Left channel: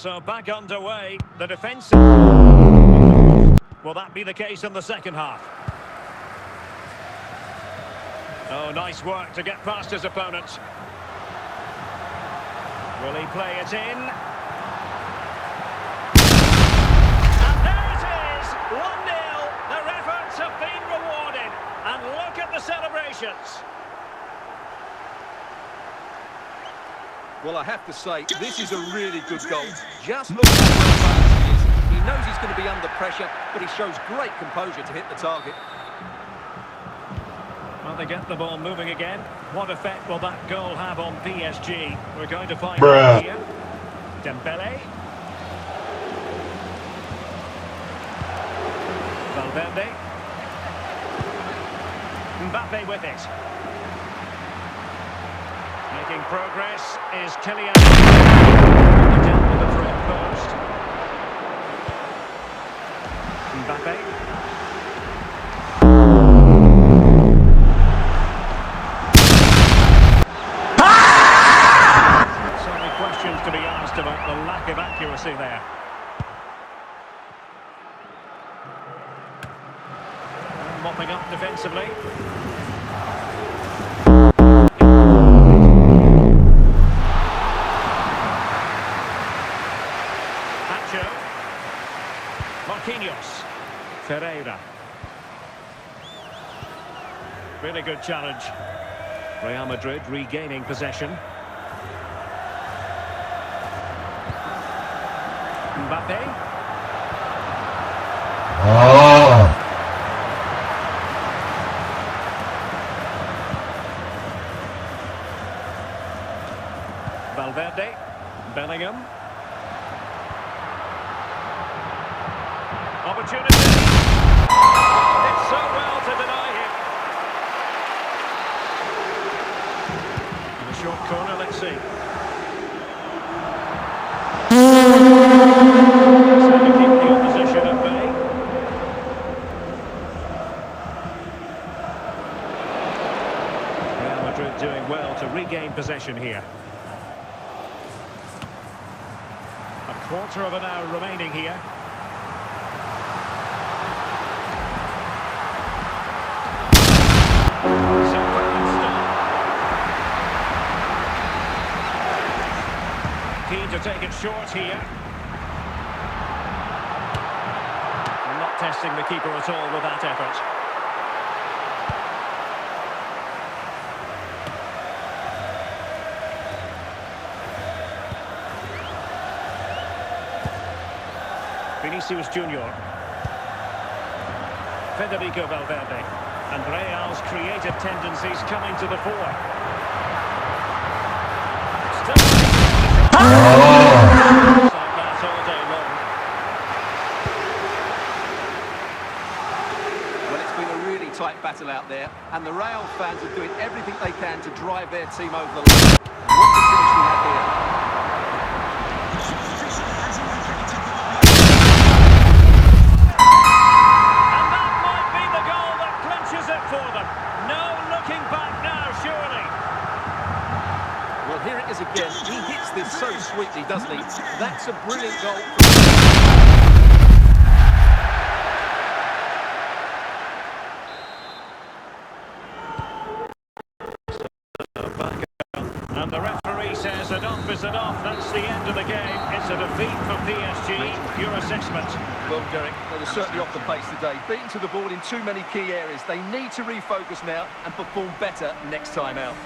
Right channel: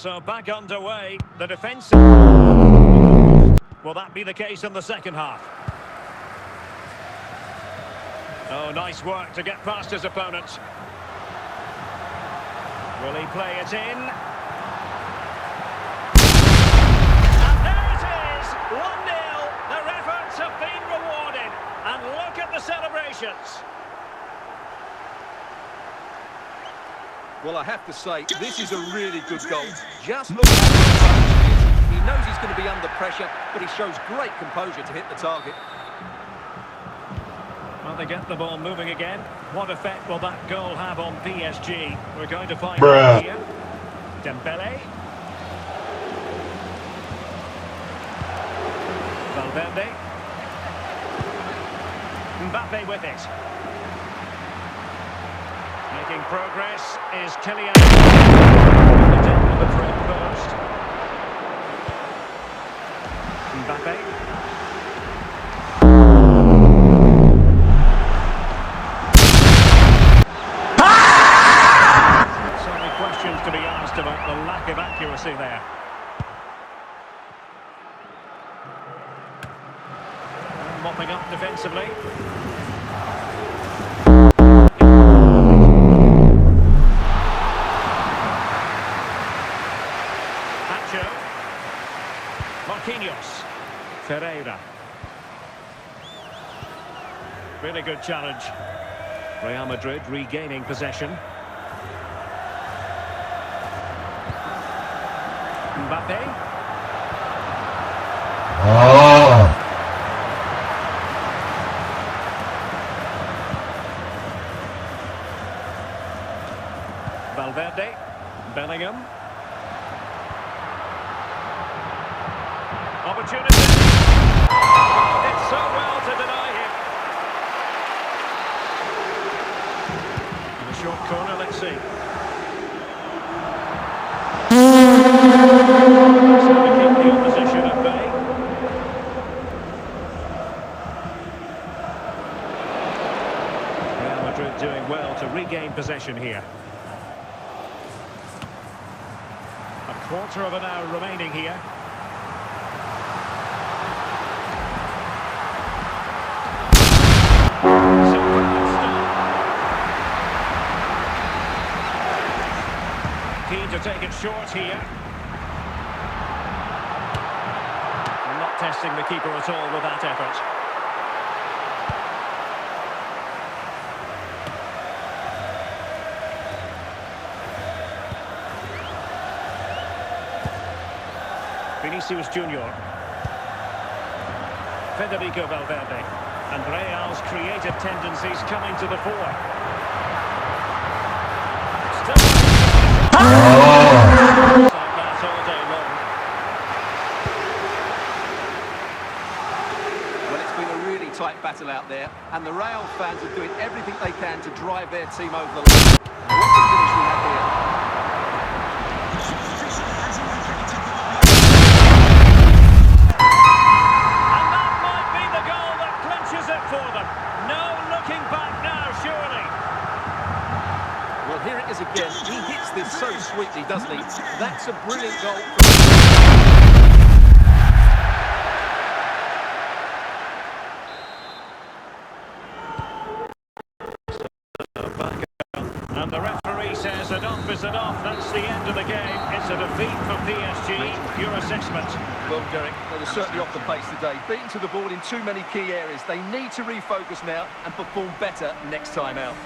So back underway. The defence. Will that be the case in the second half? Oh, nice work to get past his opponents. Will he play it in? And there it is! 1-0. Their efforts have been rewarded. And look at the celebrations. Well, I have to say, this is a really good goal. Just look at how well balanced he is. He knows he's going to be under pressure, but he shows great composure to hit the target. Well, they get the ball moving again. What effect will that goal have on PSG? We're going to find out here. Dembele. Valverde. Mbappe with it. Making progress is Kylian. Really dealt with the threat first. Mbappe. So many questions to be asked about the lack of accuracy there. And mopping up defensively. Marquinhos. Ferreira. Really good challenge. Real Madrid regaining possession. Mbappe. Valverde. Bellingham. Opportunity. Did so well to deny him. In a short corner, let's see. So to keep the opposition at bay. Real Madrid doing well to regain possession here. A quarter of an hour remaining here. Keen to take it short here. Not testing the keeper at all with that effort. Vinicius Junior. Federico Valverde. And Real's creative tendencies coming to the fore. Well, it's been a really tight battle out there, and the Real fans are doing everything they can to drive their team over the line. What a finish we have here. And that might be the goal that clinches it for them. No looking back now, surely. Well, here it is again. He hits this so sweetly, doesn't he? That's a brilliant goal. And the referee says enough is enough. That's the end of the game. It's a defeat for PSG. Your assessment? Well, Derek, they were certainly off the pace today. Beaten to the ball in too many key areas. They need to refocus now and perform better next time out.